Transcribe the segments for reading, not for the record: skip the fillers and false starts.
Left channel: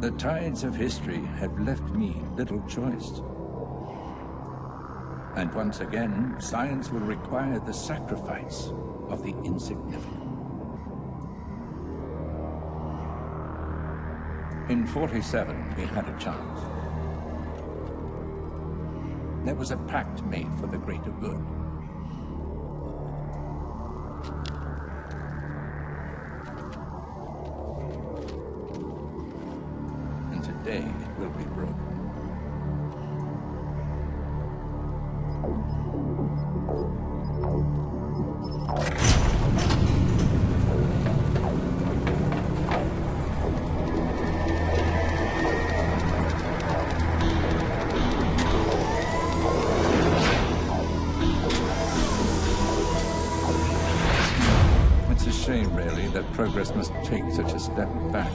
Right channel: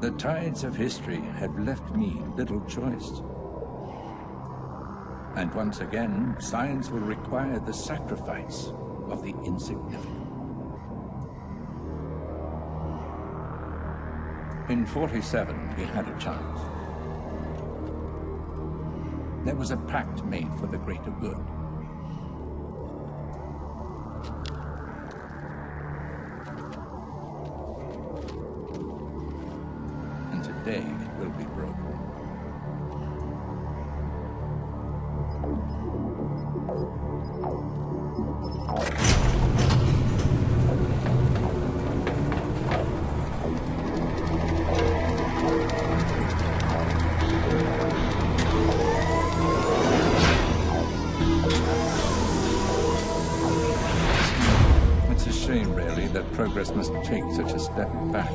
The tides of history have left me little choice. And once again, science will require the sacrifice of the insignificant. In 47, we had a chance. There was a pact made for the greater good. And today it will be broken. It's a shame, really, that progress must take such a step back.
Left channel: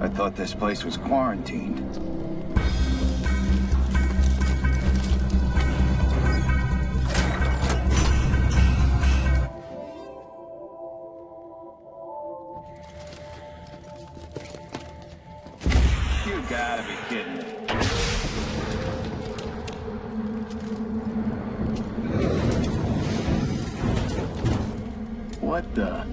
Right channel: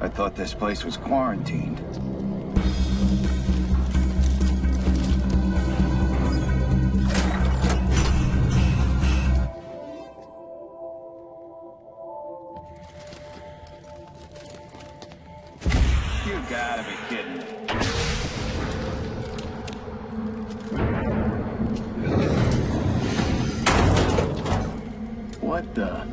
I thought this place was quarantined. You gotta be kidding me. What the?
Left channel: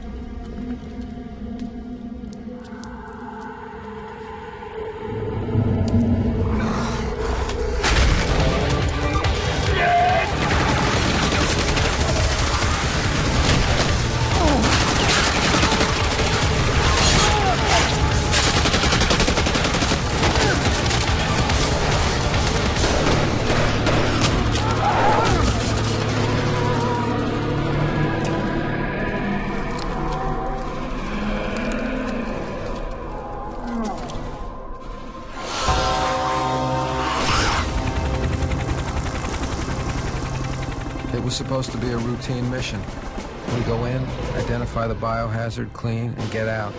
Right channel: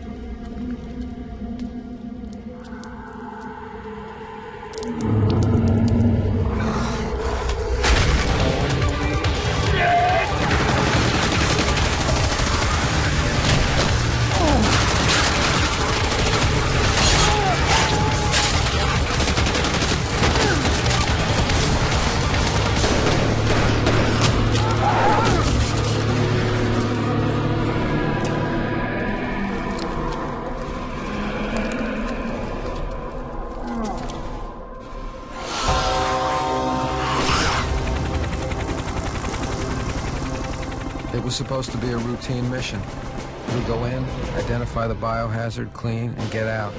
It was supposed to be a routine mission. We go in, identify the biohazard, clean, and get out.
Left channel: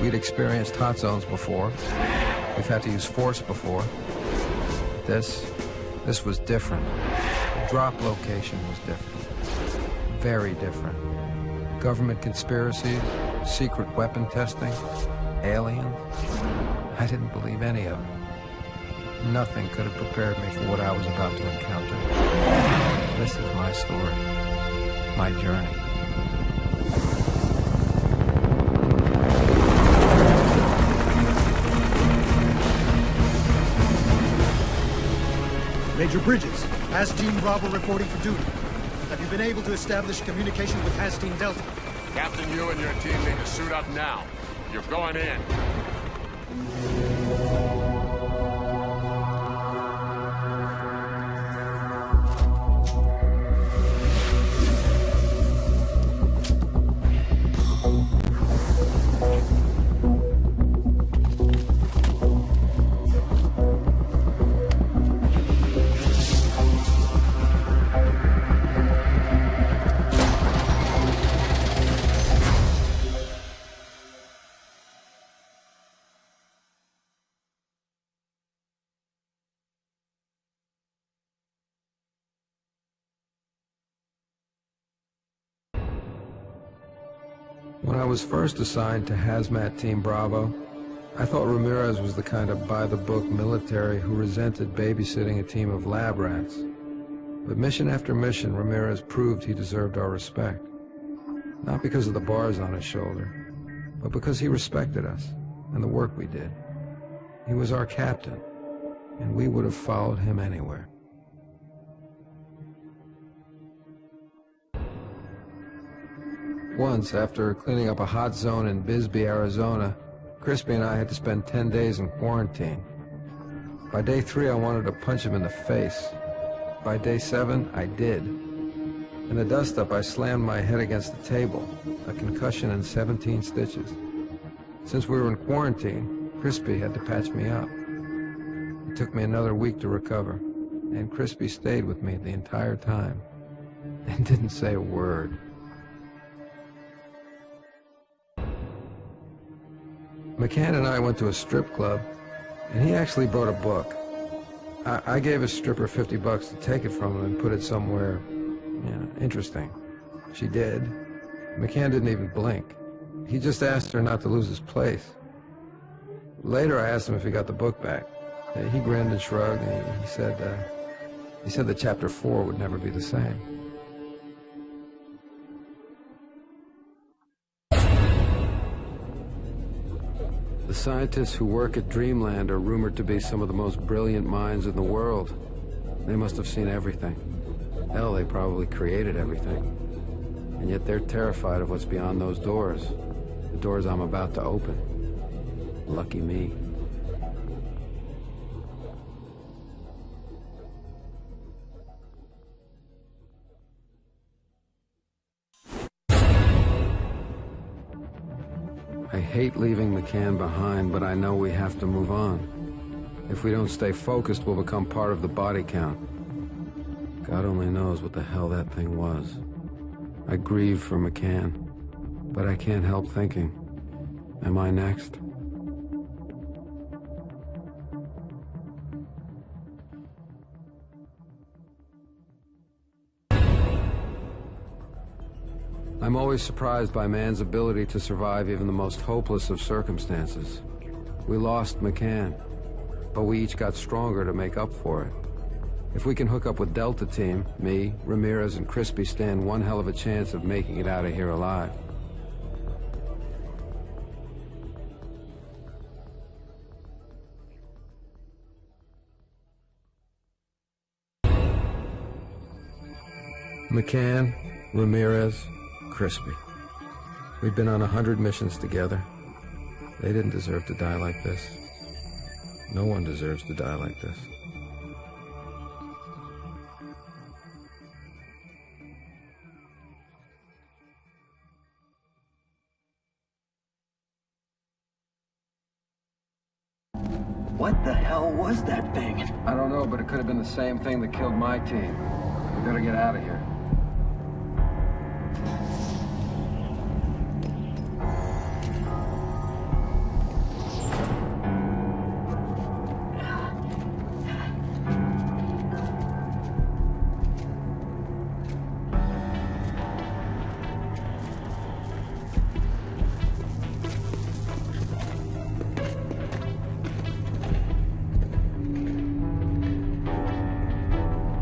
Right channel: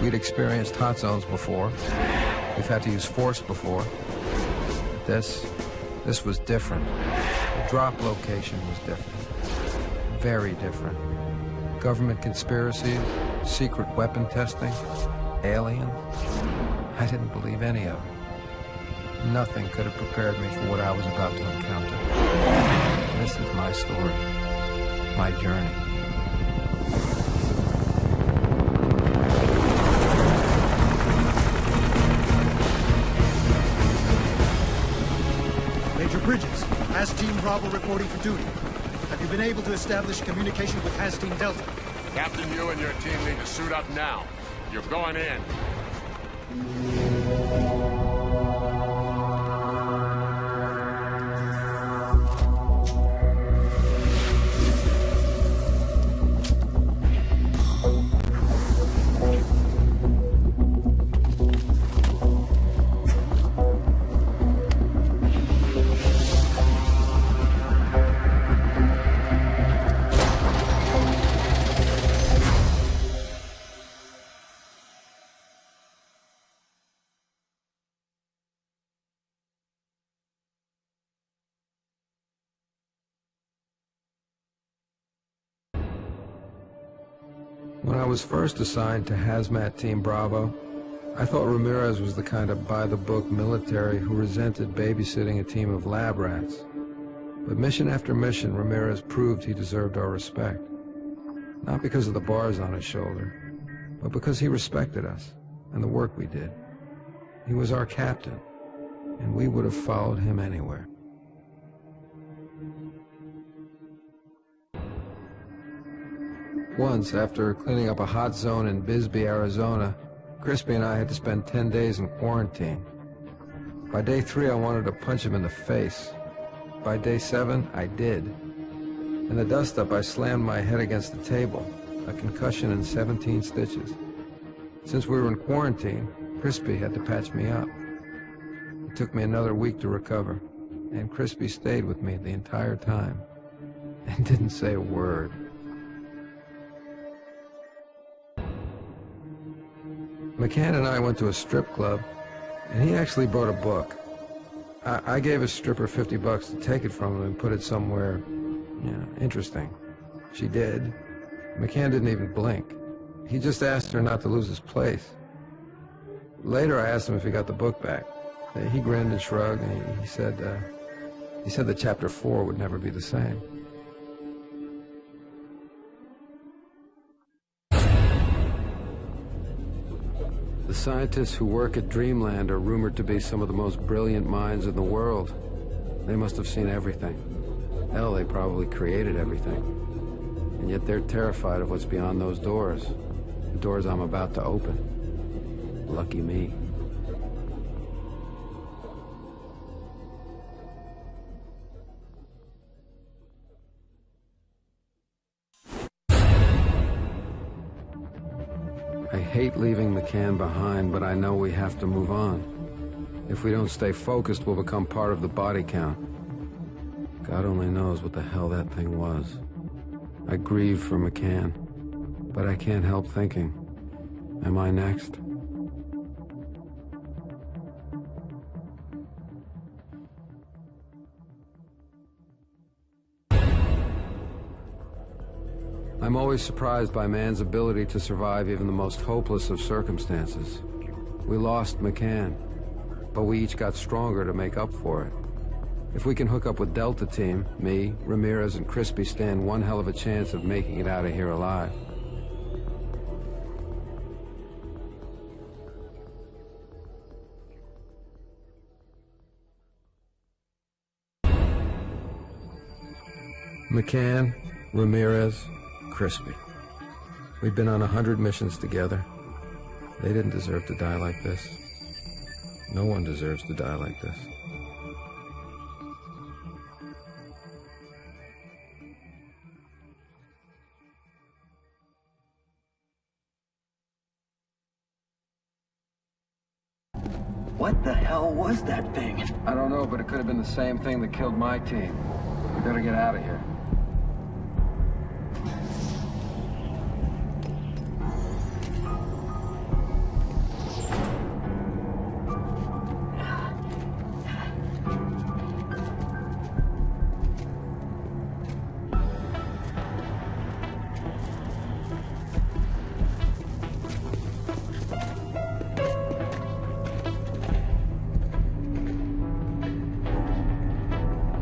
We'd experienced hot zones before. We've had to use force before. But this was different. The drop location was different. Very different. Government conspiracies, secret weapon testing, aliens. I didn't believe any of it. Nothing could have prepared me for what I was about to encounter. This is my story, my journey. Major Bridges, Has Team Bravo reporting for duty. Have you been able to establish communication with Has Team Delta? Captain, you and your team need to suit up now. You're going in. When I was first assigned to Hazmat Team Bravo, I thought Ramirez was the kind of by-the-book military who resented babysitting a team of lab rats. But mission after mission, Ramirez proved he deserved our respect. Not because of the bars on his shoulder, but because he respected us and the work we did. He was our captain, and we would have followed him anywhere. Once, after cleaning up a hot zone in Bisbee, Arizona, Crispy and I had to spend 10 days in quarantine. By day 3, I wanted to punch him in the face. By day 7, I did. In the dust-up, I slammed my head against the table, a concussion and 17 stitches. Since we were in quarantine, Crispy had to patch me up. It took me another week to recover, and Crispy stayed with me the entire time and didn't say a word. McCann and I went to a strip club, and he actually brought a book. I gave a stripper $50 to take it from him and put it somewhere, interesting. She did. McCann didn't even blink. He just asked her not to lose his place. Later, I asked him if he got the book back. He grinned and shrugged, and he said that Chapter 4 would never be the same. The scientists who work at Dreamland are rumored to be some of the most brilliant minds in the world. They must have seen everything. Hell, they probably created everything. And yet they're terrified of what's beyond those doors. The doors I'm about to open. Lucky me. I hate leaving McCann behind, but I know we have to move on. If we don't stay focused, we'll become part of the body count. God only knows what the hell that thing was. I grieve for McCann, but I can't help thinking, am I next? I'm always surprised by man's ability to survive even the most hopeless of circumstances. We lost McCann, but we each got stronger to make up for it. If we can hook up with Delta Team, me, Ramirez, and Crispy stand one hell of a chance of making it out of here alive. McCann, Ramirez, Crispy. We've been on 100 missions together. They didn't deserve to die like this. No one deserves to die like this. What the hell was that thing? I don't know, but it could have been the same thing that killed my team. We better get out of here.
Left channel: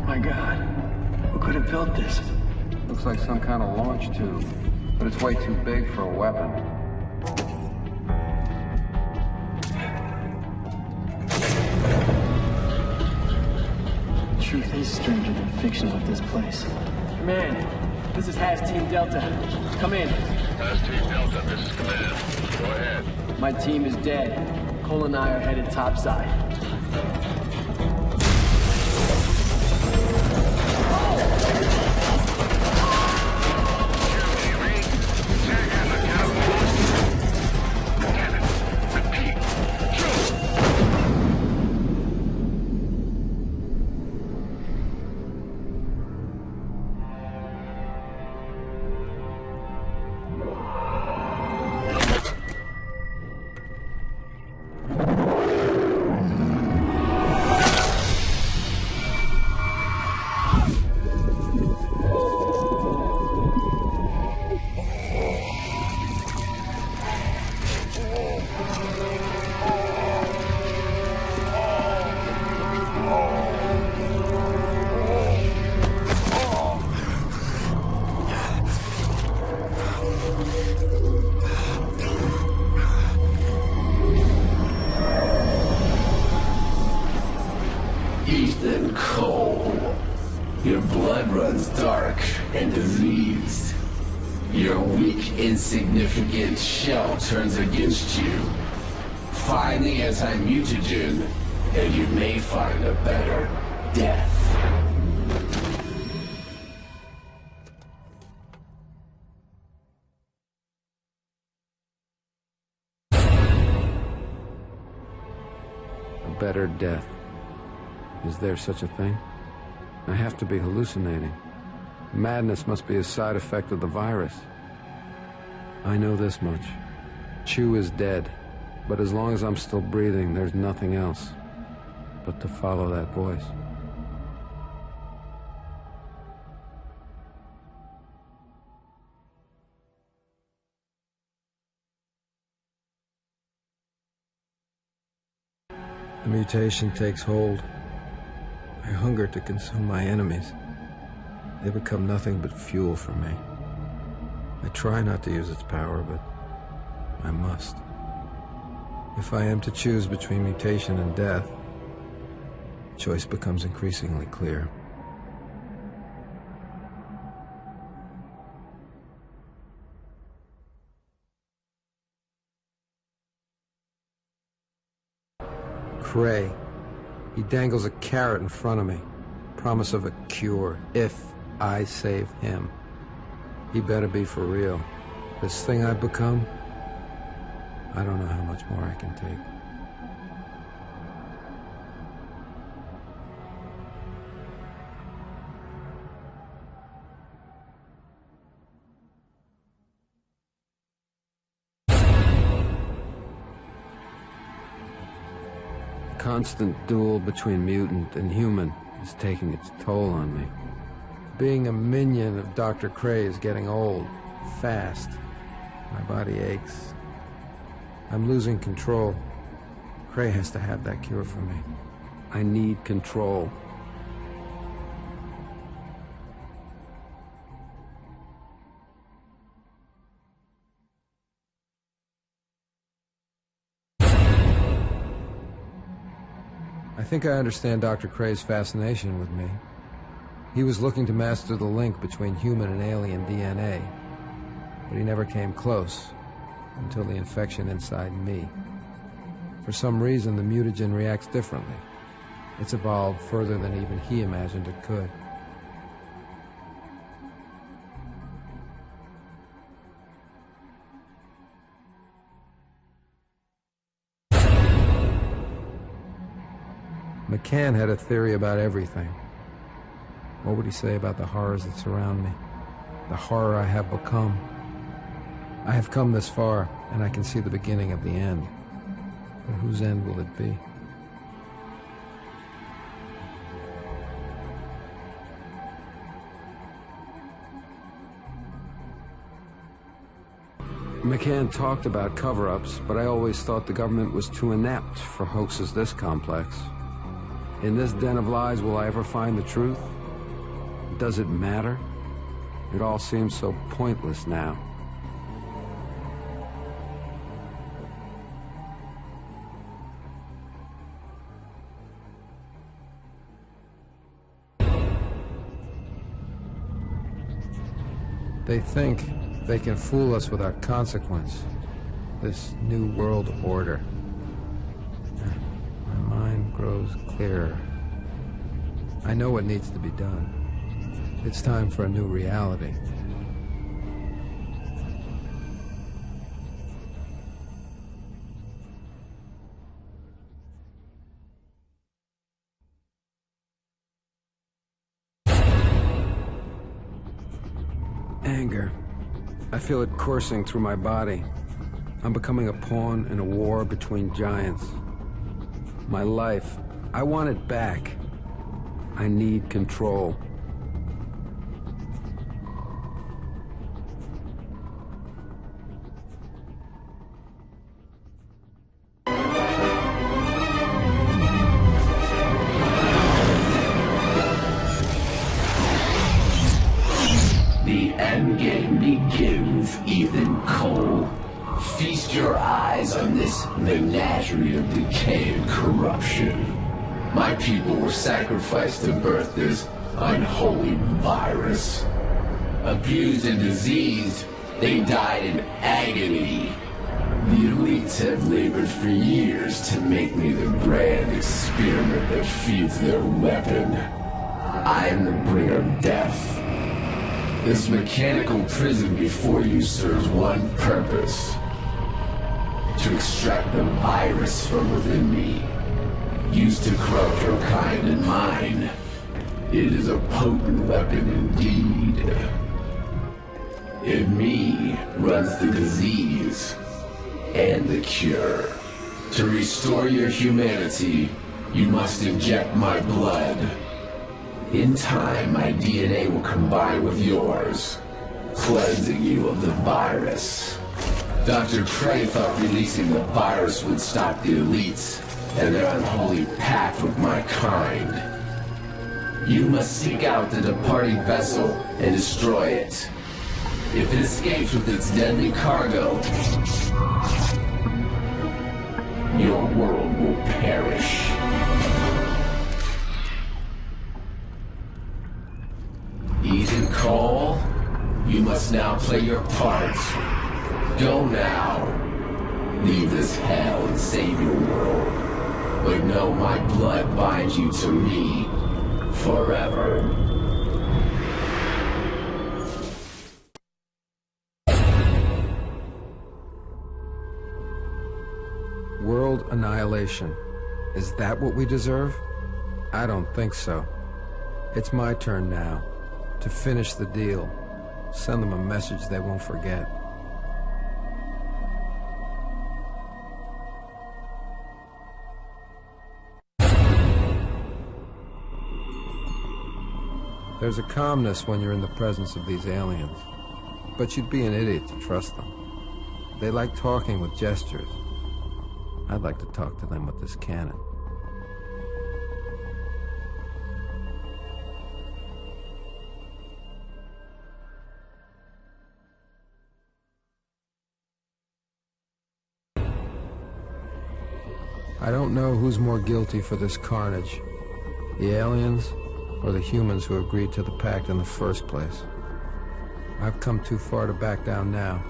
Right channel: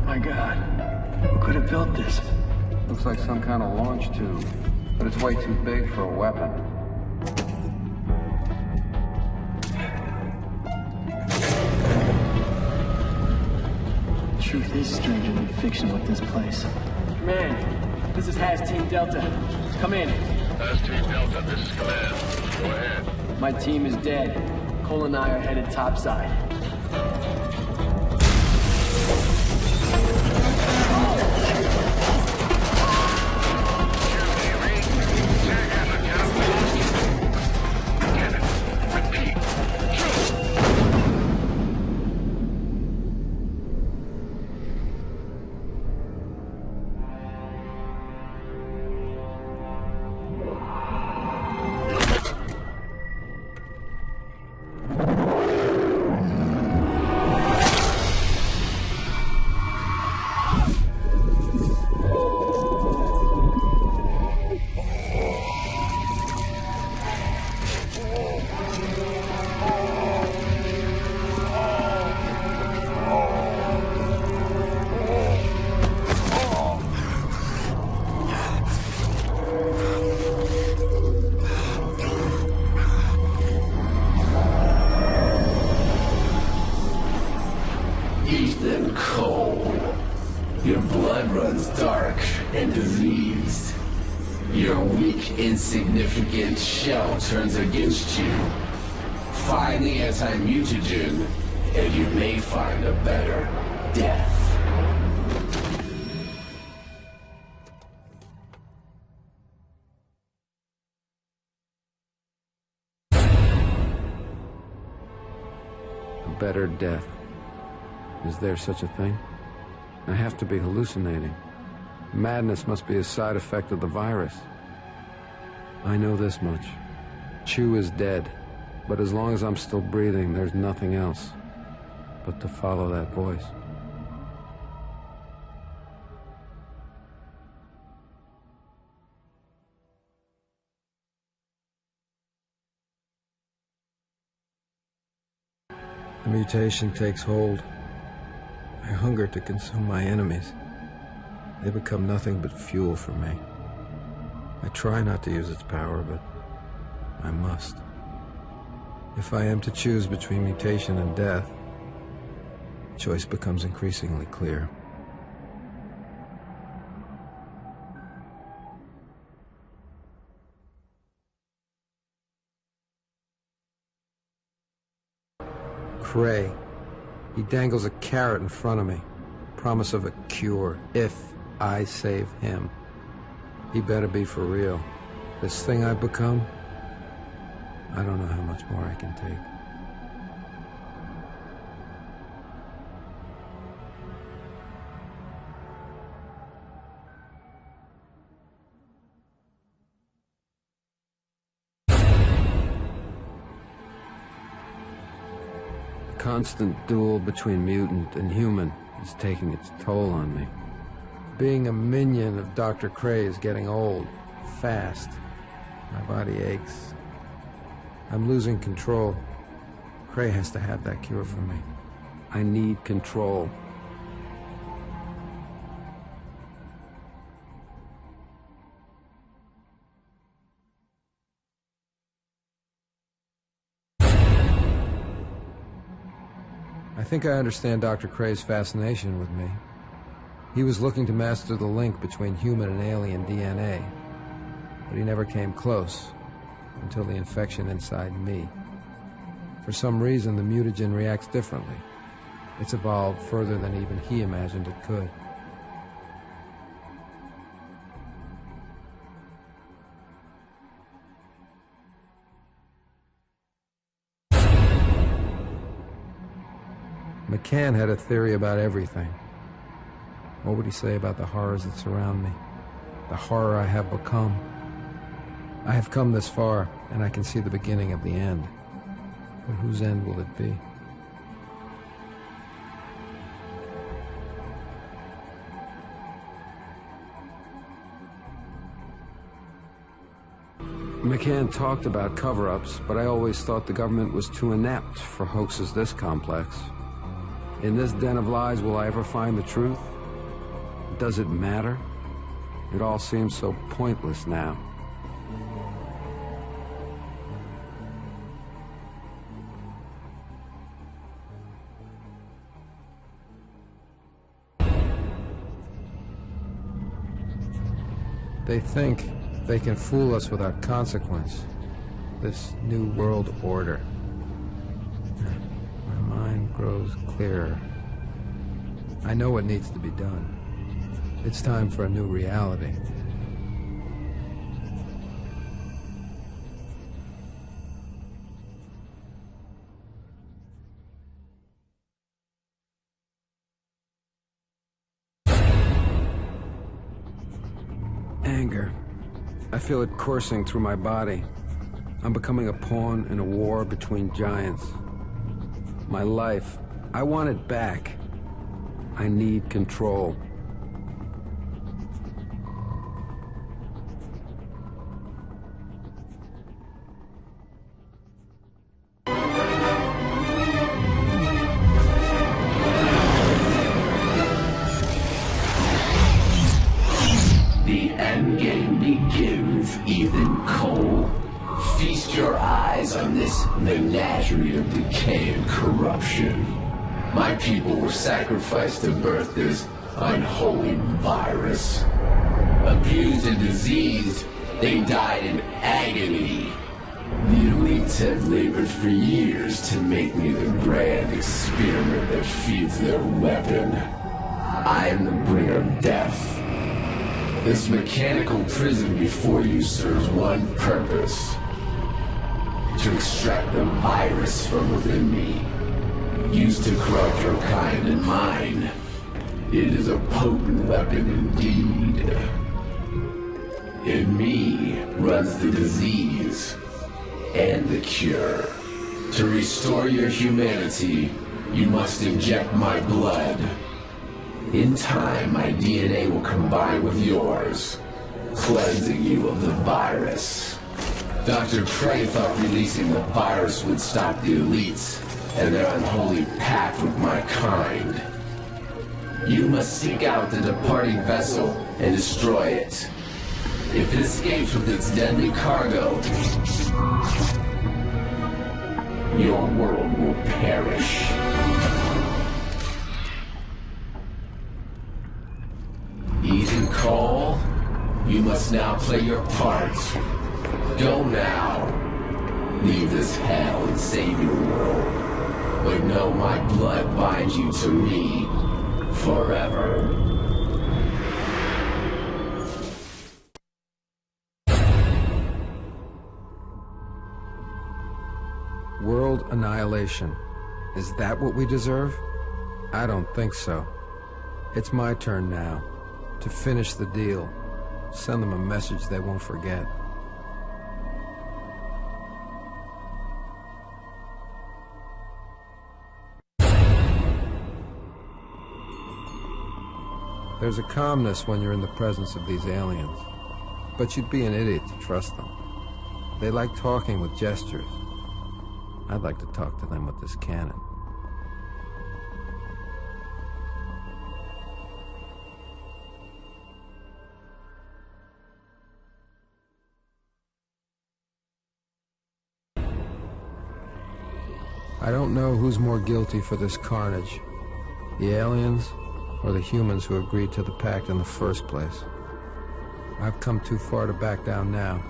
My God, who could have built this? Looks like some kind of launch tube, but it's way too big for a weapon. Truth is stranger than fiction with this place. Command, this is Has Team Delta. Come in. Has Team Delta, this is Command. Go ahead. My team is dead. Cole and I are headed topside. Ethan Cole. Your blood runs dark and diseased. Your weak, insignificant shell turns against you. Find the anti-mutagen, and you may find a better death. better death. Is there such a thing? I have to be hallucinating. Madness must be a side effect of the virus. I know this much. Chu is dead, but as long as I'm still breathing, there's nothing else but to follow that voice. The mutation takes hold. I hunger to consume my enemies. They become nothing but fuel for me. I try not to use its power, but I must. If I am to choose between mutation and death, the choice becomes increasingly clear. Cray. He dangles a carrot in front of me. Promise of a cure, if I save him. He better be for real. This thing I've become, I don't know how much more I can take. The constant duel between mutant and human is taking its toll on me. Being a minion of Dr. Cray is getting old, fast. My body aches. I'm losing control. Cray has to have that cure for me. I need control. I think I understand Dr. Cray's fascination with me. He was looking to master the link between human and alien DNA, but he never came close until the infection inside me. For some reason, the mutagen reacts differently. It's evolved further than even he imagined it could. McCann had a theory about everything. What would he say about the horrors that surround me? The horror I have become? I have come this far, and I can see the beginning of the end. But whose end will it be? McCann talked about cover-ups, but I always thought the government was too inept for hoaxes this complex. In this den of lies, will I ever find the truth? Does it matter? It all seems so pointless now. They think they can fool us without consequence. This new world order. My mind grows clearer. I know what needs to be done. It's time for a new reality. Anger. I feel it coursing through my body. I'm becoming a pawn in a war between giants. My life, I want it back. I need control. The endgame begins, Ethan Cole. Feast your eyes on this menagerie of decay and corruption. My people were sacrificed to birth this unholy virus. Abused and diseased, they died in agony. The elites have labored for years to make me the grand experiment that feeds their weapon. I am the bringer of death. This mechanical prison before you serves one purpose: to extract the virus from within me. used to corrupt your kind and mine. It is a potent weapon indeed. In me runs the disease and the cure. To restore your humanity, you must inject my blood. In time, my DNA will combine with yours, cleansing you of the virus. Dr. Prey thought releasing the virus would stop the elites and their unholy pact with my kind. You must seek out the departing vessel and destroy it. If it escapes with its deadly cargo, your world will perish. Ethan Cole, you must now play your part. Go now. Leave this hell and save your world. But know my blood binds you to me forever. World annihilation. Is that what we deserve? I don't think so. It's my turn now to finish the deal. Send them a message they won't forget. There's a calmness when you're in the presence of these aliens, but you'd be an idiot to trust them. They like talking with gestures. I'd like to talk to them with this cannon. I don't know who's more guilty for this carnage, the aliens or the humans who agreed to the pact in the first place. I've come too far to back down now.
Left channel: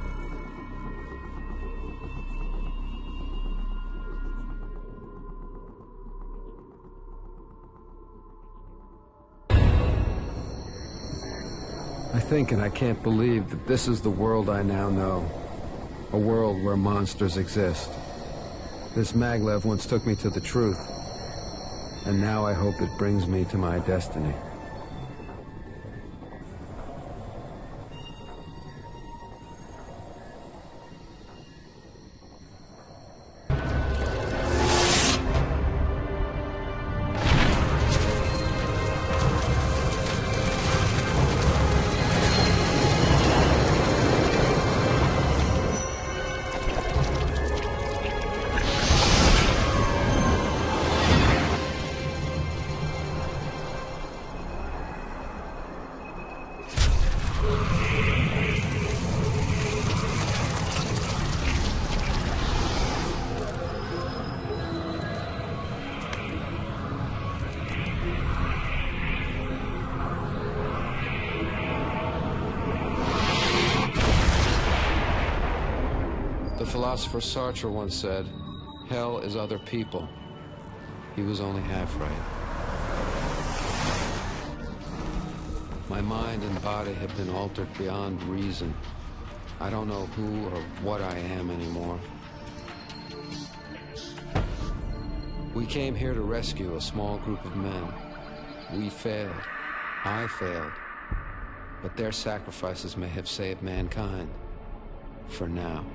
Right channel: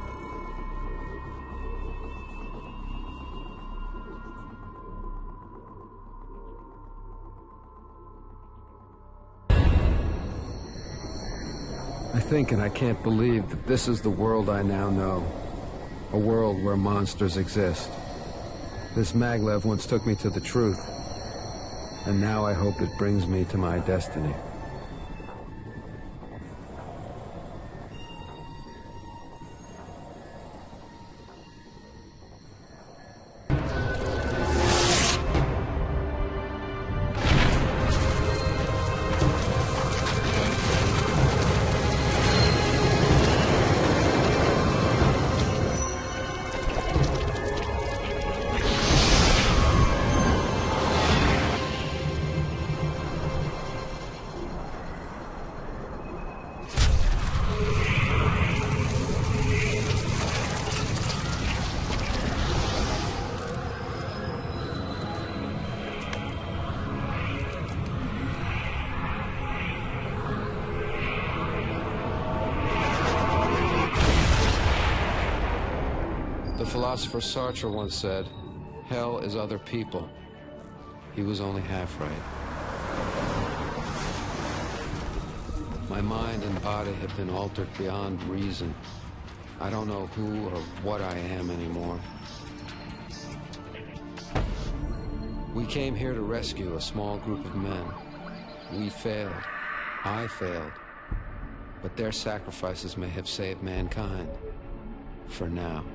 I think and I can't believe that this is the world I now know. A world where monsters exist. This maglev once took me to the truth, and now I hope it brings me to my destiny. The philosopher Sartre once said, "Hell is other people." He was only half right. My mind and body have been altered beyond reason. I don't know who or what I am anymore. We came here to rescue a small group of men. We failed. I failed. But their sacrifices may have saved mankind. For now.